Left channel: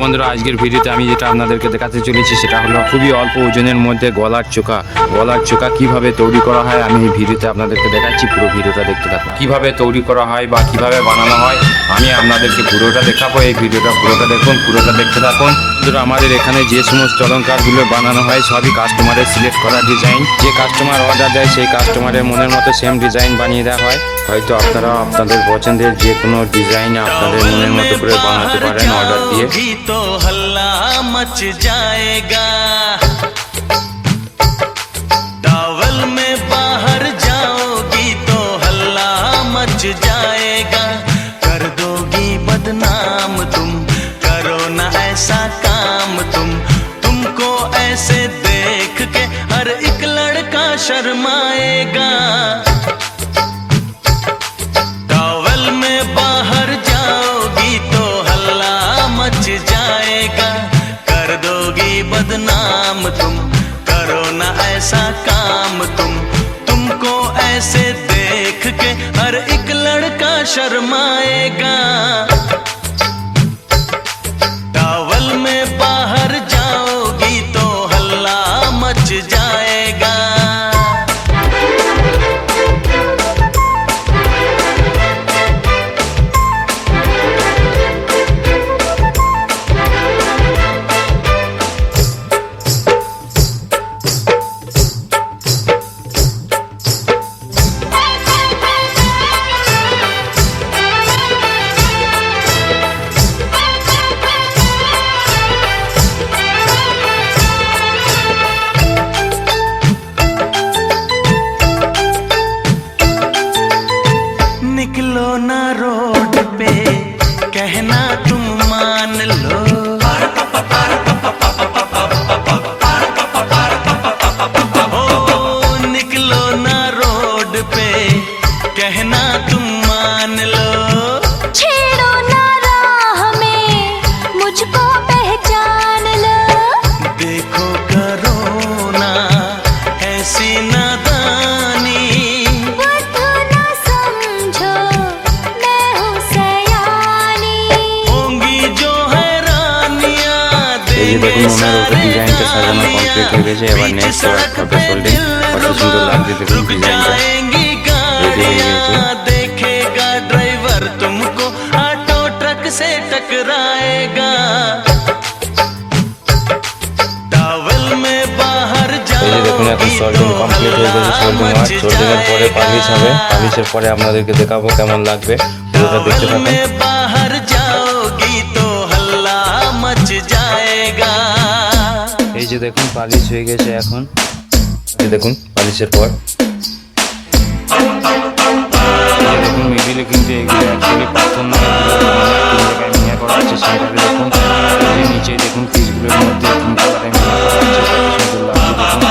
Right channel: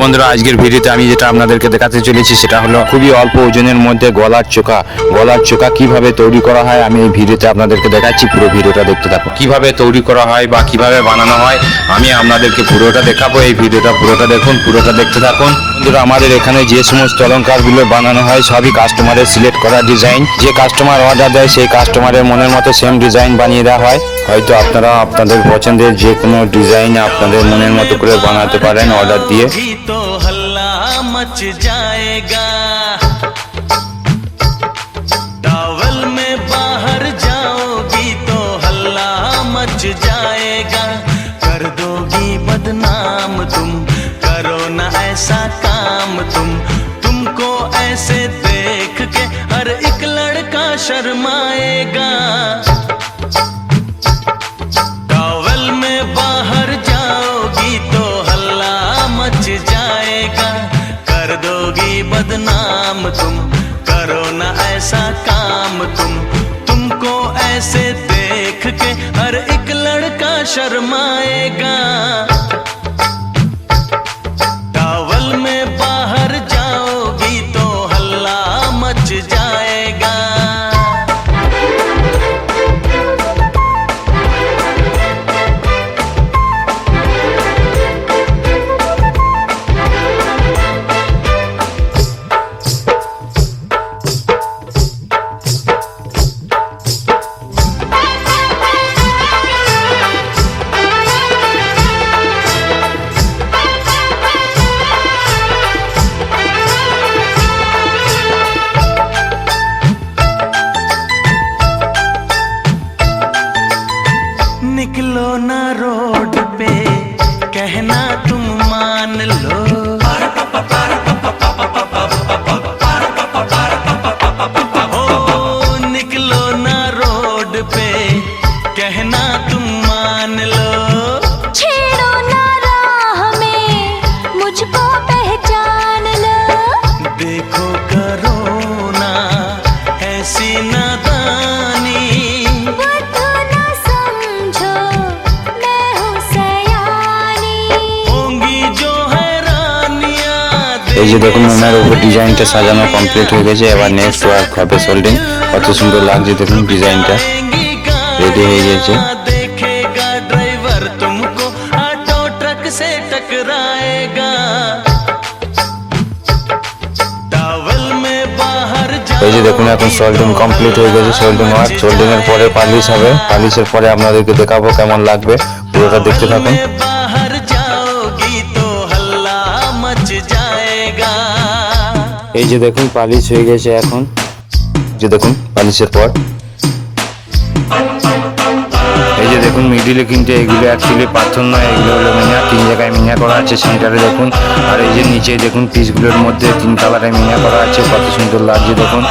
বন্ধুরা, আজকের ভিডিওতে আমি যেটা আপনাদেরকে দেখাতে চলেছি সেটা হলো খুবই অল্প ওজনের মধ্যে গলার চোকা কিভাবে তৈরি করা হয় আমি এই ভিডিওতে আপনাদেরকে দেখাচ্ছি। পুরো ভিডিওটা দেখতে থাকুন। কিভাবে তৈরি করা হয় বা কিভাবে বানানো হয় আমি আপনাদেরকে পুরোটা দেখাবো। এই ভিডিওটা পুরোটা দেখুন, পুরোটা দেখতে থাকুন। বন্ধুরা, আমাদের এখানে যে সমস্ত অলংকারগুলো বানানো হয় সবই কাস্টমারের সিলেক্ট করা ডিজাইন। যে কাস্টমার অর্ডার দেয় সেই কাস্টমারের মনের মতো সেম ডিজাইন বানিয়ে দেওয়া হয়। হয়তো আপনারা আপনাদের পছন্দের যে কোনো ডিজাইন আপনাদের মনের মতো করে বানাতে পারেন অর্ডার দিয়ে। तो हल्ला मच जाएगा, टॉवल में बाहर जाओगी तो हल्ला मच जाएगा। कर दोगी बदनाम तुम, करो ना ऐसा काम तुमको ऐसे देख के हर एक लड़का शर्माएगा। टॉवल में बाहर जाओगी तो हल्ला मच जाएगा। कर दोगी बदनाम तुम, करो ना ऐसा काम तुमको ऐसे देख के हर एक लड़का शर्माएगा। टॉवल में बाहर जाओगी तो हल्ला मच जाएगा। निकलो ना रोड पे कहना तुम मान लो, ओ निकलो ना रोड पे कहना तुम मान लो। छेड़ो ना राह में मुझको पहचान लो, देखो करो ना ऐसी नादानी, এই যে দেখুন ওনার উপর ডিজাইনটা সাজানো কমপ্লিট হয়ে গেছে। এবার নেক্সট ওয়ার্ক হবে সোল্ডিং। কত সুন্দর লাগছে দেখুন, ডিজাইনটা রেডি হয়ে গেছে। देखेगा ड्राइवर तुमको ऑटो ट्रक से टकराएगा। टॉवल में बाहर এই যে দেখুন এখন সোল্ডিং কমপ্লিট হয়ে গেছে। সোল্ডিং ওয়ার্ক, সোল্ডিং এর পরে পালিশ হবে। পালিশের পরে আপনাদেরকে দেখাবো কেমন লাগবে, পুরোটা দেখতে থাকুন। बाहर जाओगी तो हल्ला मच जाएगा। এই যে দেখুন পালিশ হয়ে গেছে এখন। এই দেখুন পালিশের পর এই যে দেখুন মিডিলে কিন্তু এগুলো অ্যাকচুয়ালি পাথর নয়, এগুলো হলো মিনা। 3 জায়গায় মিনা করা আছে সেন্টারে দেখুন। আর এই যে নিচে দেখুন পিসগুলোর মধ্যে 3 কালারে মিনা করা আছে। কত সুন্দর লাগছে দেখুন।